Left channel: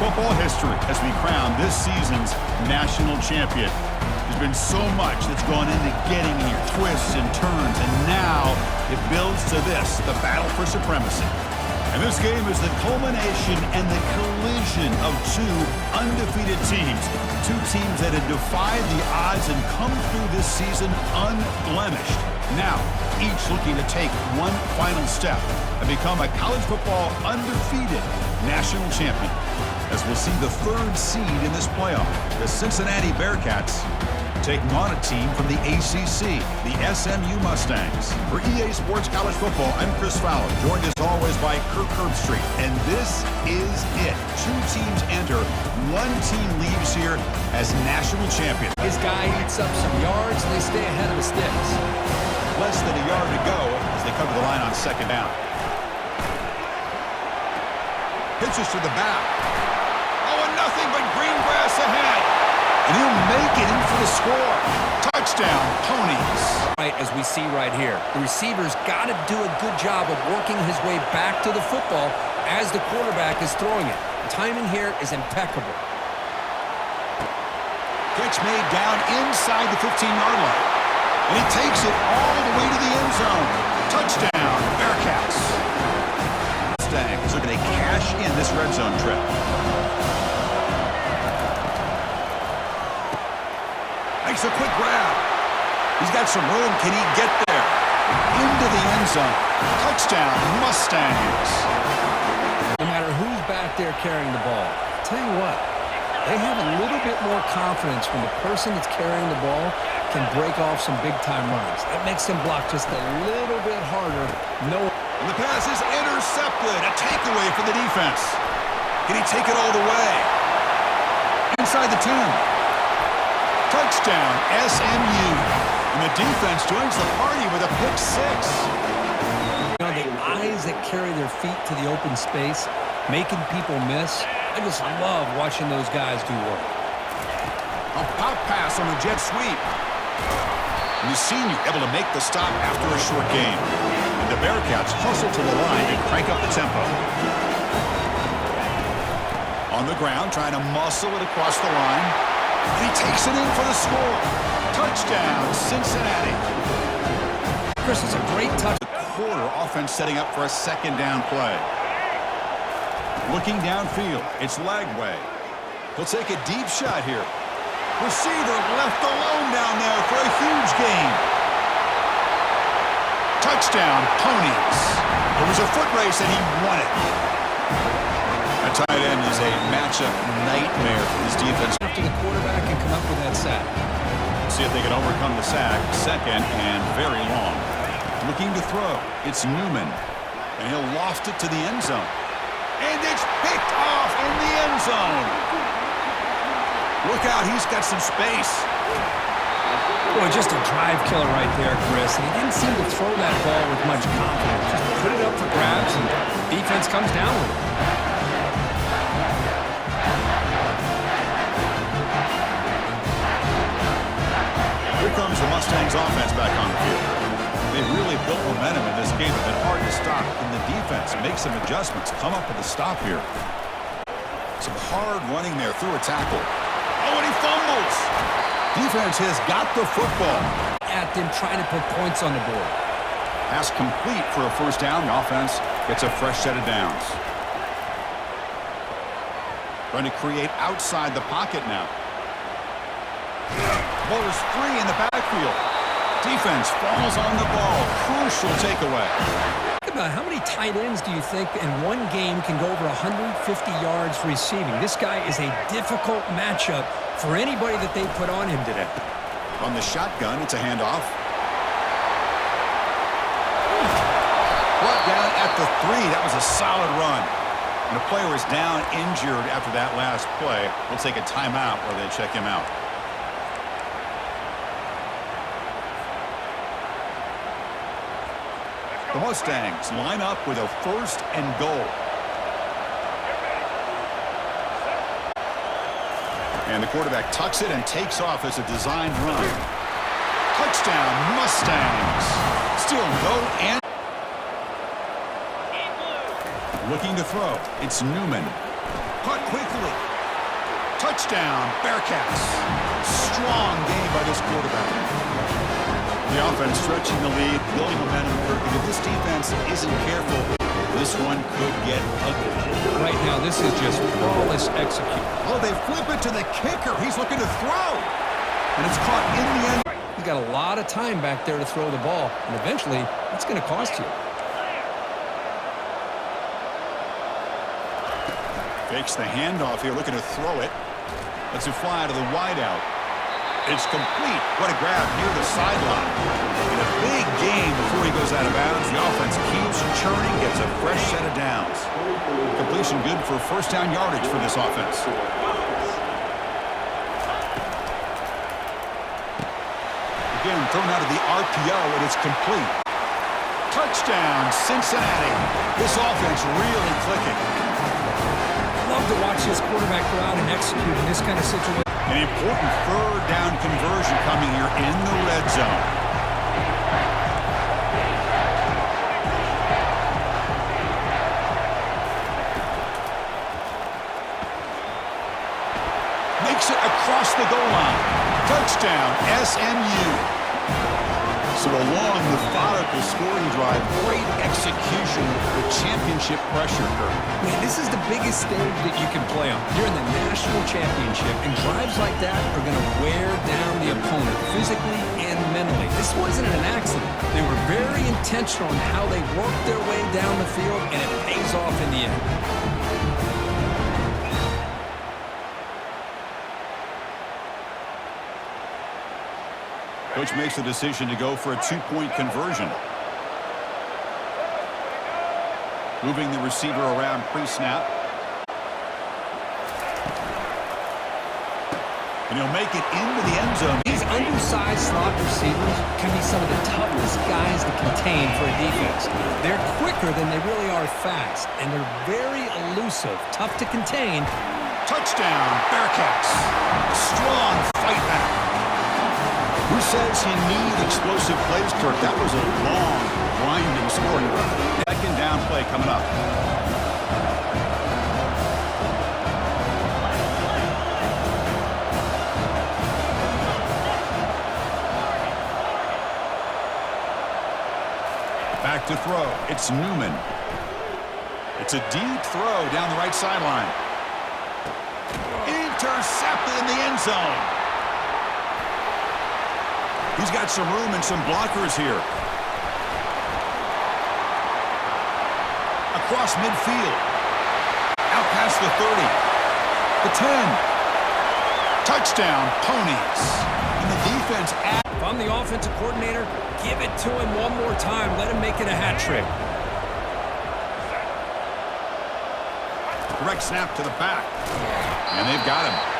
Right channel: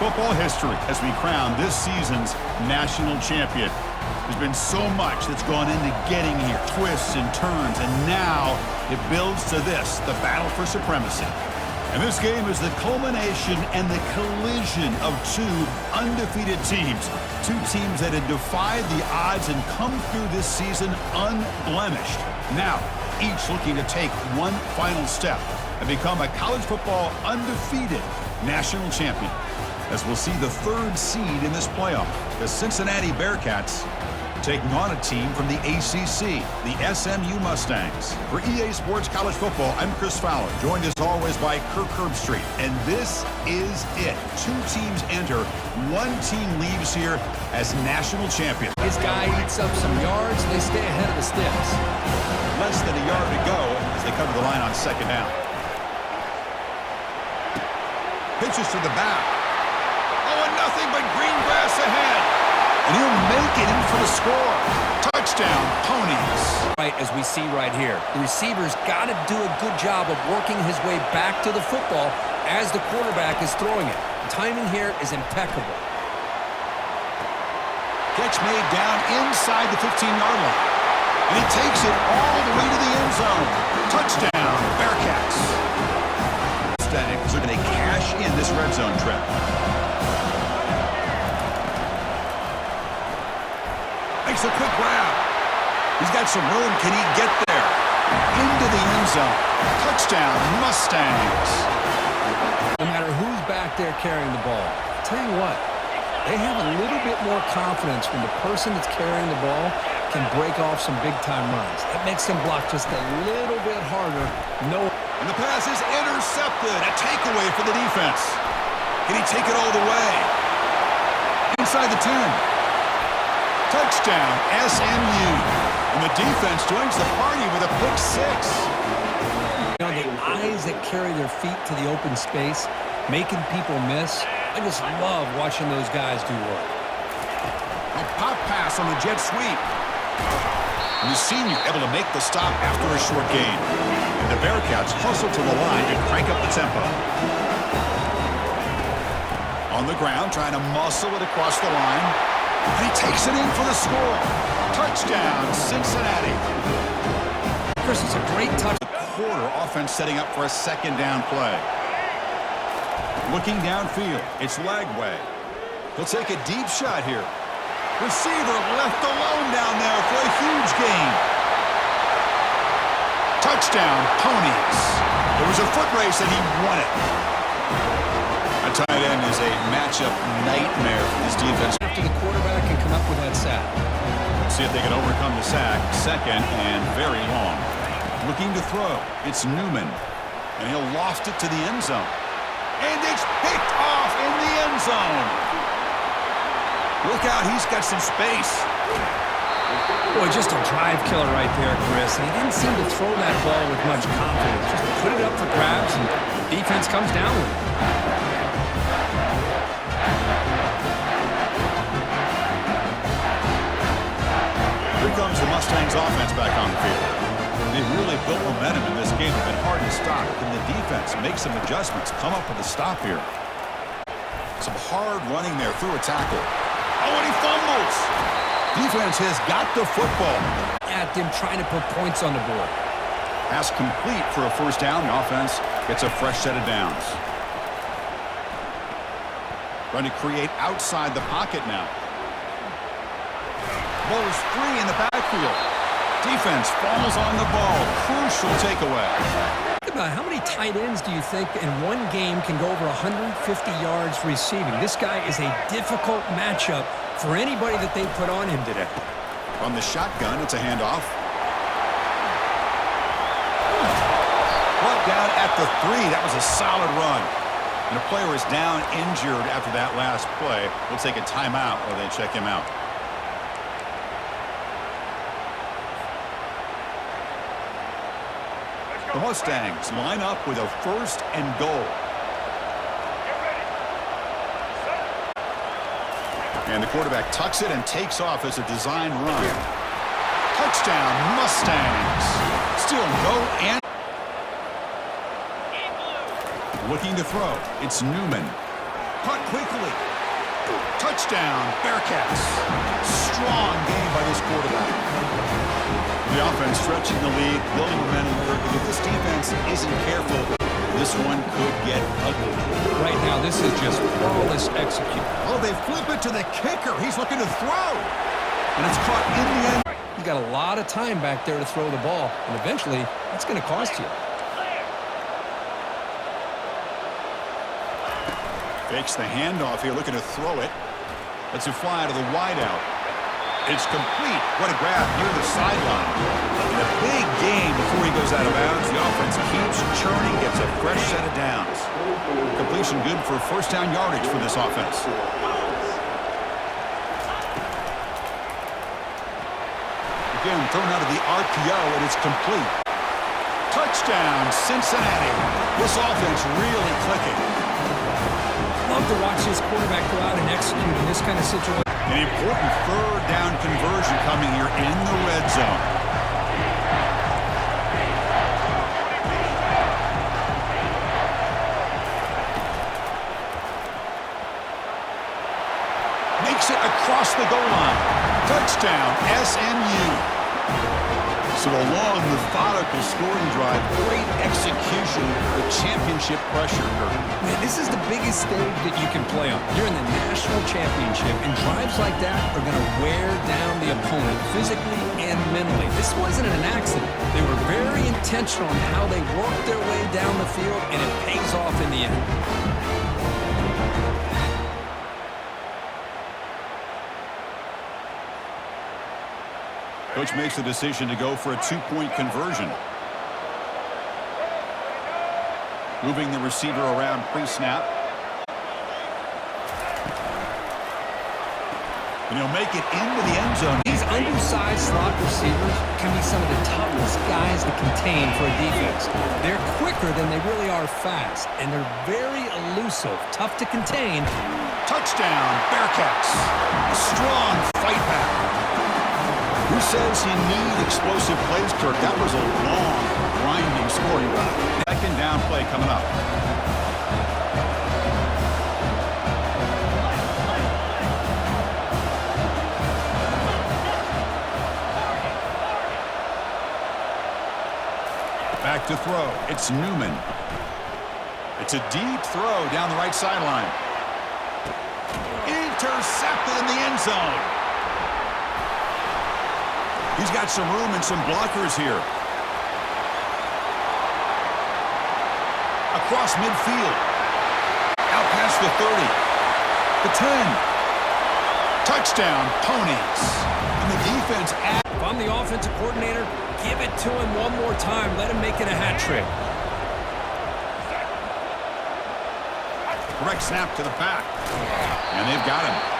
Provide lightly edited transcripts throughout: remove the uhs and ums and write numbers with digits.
football history as we crown this season's national champion. There's been so much that's gone into getting here, twists and turns, and now it builds to this, the battle for supremacy. And this game is the culmination and the collision of two undefeated teams. Two teams that had defied the odds and come through this season unblemished. Now, each looking to take one final step and become a college football undefeated national champion. As we'll see the third seed in this playoff, the Cincinnati Bearcats taking on a team from the ACC, the SMU Mustangs. For EA Sports College Football, I'm Chris Fowler, joined as always by Kirk Herbstreit. And this is it. Two teams enter, one team leaves here as national champion. His guy eats up some yards, and they stay ahead of the sticks. Less than a yard to go as they cover the line on second down. Pitches to the back. Oh, and nothing but green grass ahead. And he'll make it in for the score. Touchdown, Ponies. Right, as we see right here, the receiver's got to do a good job of working his way back to the football as the quarterback is throwing it. The timing here is impeccable. Catch made down inside the 15-yard line. And he takes it all the way to the end zone. Touchdown, Bearcats. Mustangs are going to cash in this red zone trip. Makes a quick grab. He's got some room. Can he get there? Into the end zone. Touchdown, Mustangs. No matter who's back there carrying the ball, I'll tell you what, they have a little bit more confidence when the person that's carrying the ball can break off some big-time runs. That makes them block just a little bit harder. And the pass is intercepted. A takeaway for the defense. Can he take it all the way? Inside the 10. Touchdown, SMU. And the defense joins the party with a pick six. You know, the eyes that carry their feet to the open space, making people miss. I just love watching those guys do work. A pop pass on the jet sweep. And the senior able to make the stop after a short gain. And the Bearcats hustle to the line to crank up the tempo. On the ground, trying to muscle it across the line. And he takes it in for the score. Touchdown, Cincinnati. Chris, it's a great touch. The quarter offense setting up for a second down play. Looking downfield, it's Lagway. He'll take a deep shot here. Receiver left alone down there for a huge gain. Touchdown, Ponies. It was a foot race and he won it. A tight end is a matchup nightmare for this defense. After the quarterback can come up with that sack. See if they can overcome the sack. Second and very long. Looking to throw. It's Newman. And he'll loft it to the end zone. And it's picked off in the end zone. Look out, he's got some space. Boy, just a drive killer right there, Chris. And he didn't seem to throw that ball with much confidence. Just put it up for grabs, and the defense comes down with it. Here comes the Mustangs offense back on the field. They've really built momentum in this game. It's been hard to stop. Can the defense make some adjustments, come up with a stop here? Some hard running there through a tackle. Oh, and he fumbles. Defense has got the football. At them trying to put points on the board. Pass complete for a first down. The offense gets a fresh set of downs. Trying to create outside the pocket now. Ball is free in the backfield. Defense falls on the ball. Crucial takeaway. Think about how many tight ends do you think in one game can go over 150 yards receiving? This guy is a difficult matchup for anybody that they put on him today. On the shotgun, it's a handoff. Brought down at the 3. That was a solid run. And a player is down injured after that last play. We'll take a timeout while they check him out. The Mustangs line up with a first and goal. And the quarterback tucks it and takes off as a designed run. Touchdown, Mustangs. Still no and looking to throw. It's Newman. Caught quickly. Touchdown, Bearcats. Strong game by this quarterback. The offense stretching the lead, building momentum. And if this defense isn't careful, this one could get ugly. Right now, this is just flawless execution. Oh, they flip it to the kicker. He's looking to throw. And it's caught in the end. He's got a lot of time back there to throw the ball, and eventually, that's going to cost you. Fakes the handoff here, looking to throw it. Lets it fly to the wideout. It's complete. What a grab near the sideline. In a big game before he goes out of bounds, the offense keeps churning, gets a fresh set of downs. Completion good for first down yardage for this offense. Again, thrown out of the RPO, and it's complete. Touchdown, Cincinnati. This offense really clicking. Love to watch this quarterback go out and execute in this kind of situation. An important third down conversion coming here in the red zone. Makes it across the goal line. Touchdown, SMU. So a long, methodical scoring drive. Great execution with championship pressure, Kirk. Man, this is the biggest stage that you can play on. You're in the national championship, and drives like that are going to wear down the opponent physically and mentally. This wasn't an accident. They were very intentional in how they worked their way down the field, and it pays off in the end. Coach makes the decision to go for a two-point conversion. Moving the receiver around pre-snap. And he'll make it into the end zone. These undersized slot receivers can be some of the toughest guys to contain for a defense. They're quicker than they really are fast, and they're very elusive, tough to contain. Touchdown, Bearcats. A strong fight back. Who says you need explosive plays, Kirk? That was a long, grinding scoring drive. Second down play coming up. Back to throw. It's Newman. It's a deep throw down the right sideline. Intercepted in the end zone. He's got some room and some blockers here. Across midfield. Out past the 30. The 10. Touchdown, Ponies. And the defense at... If I'm the offensive coordinator, give it to him one more time. Let him make it a hat trick. Direct snap to the back. And they've got him.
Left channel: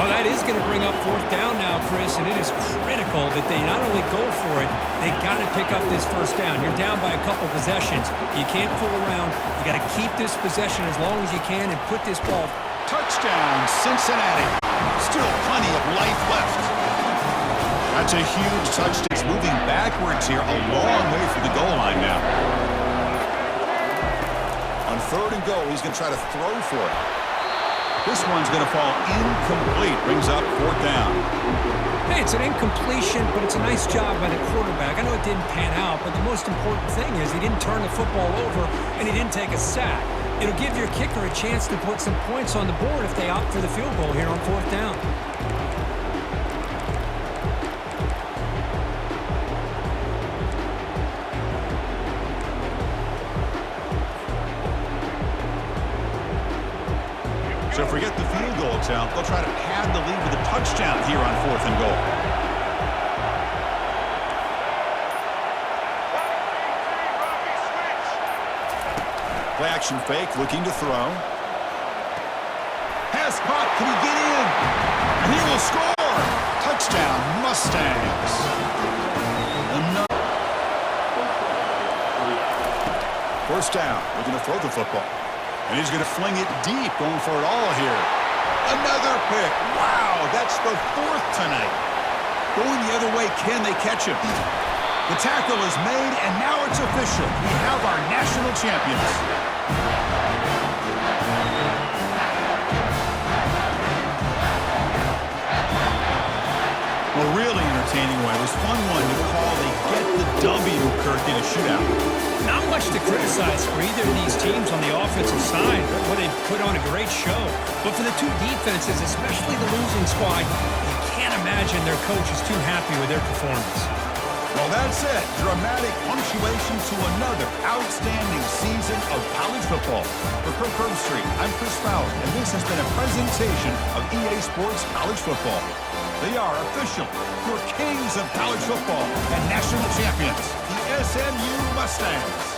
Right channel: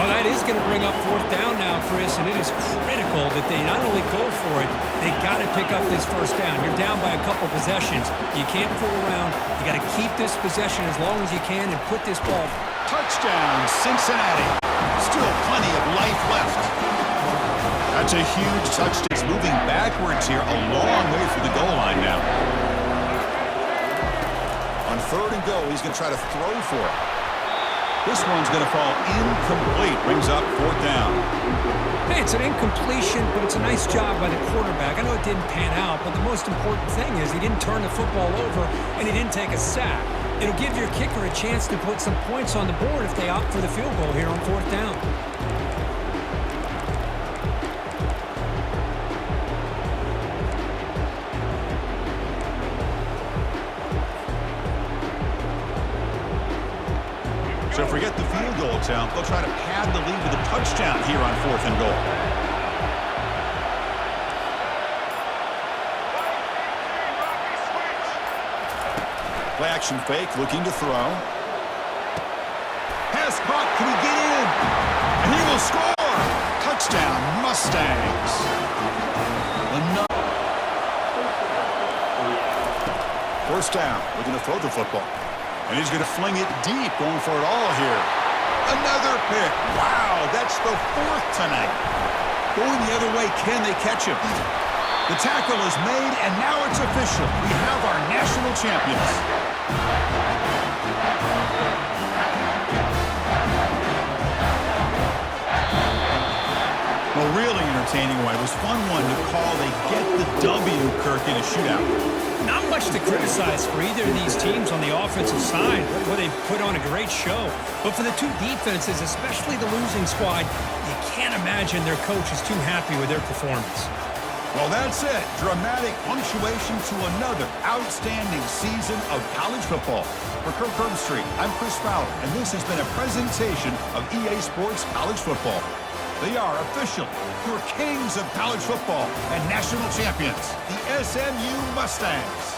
Well, that is going to bring up fourth down now, Chris, and it is critical that they not only go for it, they got to pick up this first down. You're down by a couple possessions. You can't fool around. You got to keep this possession as long as you can and put this ball. Touchdown, Cincinnati. Still plenty of life left. That's a huge touchdown. He's moving backwards here, a long way from the goal line now. On third and goal, he's going to try to throw for it. This one's going to fall incomplete. Brings up fourth down. Hey, it's an incompletion, but it's a nice job by the quarterback. I know it didn't pan out, but the most important thing is he didn't turn the football over and he didn't take a sack. It'll give your kicker a chance to put some points on the board if they opt for the field goal here on fourth down. So forget the field goal attempt. They'll try to pad the lead with a touchdown here on fourth and goal. Play action fake, looking to throw. Pass caught. Can he get in? And he will score. Touchdown, Mustangs. Another. First down, looking to throw the football. And he's going to fling it deep, going for it all here. Another pick. Wow, that's the fourth tonight. Going the other way, can they catch him? The tackle is made, and now it's official. We have our national champions. Well, really entertaining one. It was fun one to call. They get the W, Kirk, in a shootout. Not much to criticize for either of these teams on the offensive side, where they put on a great show. But for the two defenses, especially the losing squad, you can't imagine their coach is too happy with their performance. Well, that's it. Dramatic punctuation to another outstanding season of college football. For Kirk Herbstreit, I'm Chris Fowler, and this has been a presentation of EA Sports College Football. They are official, your kings of college football and national champions, the SMU Mustangs.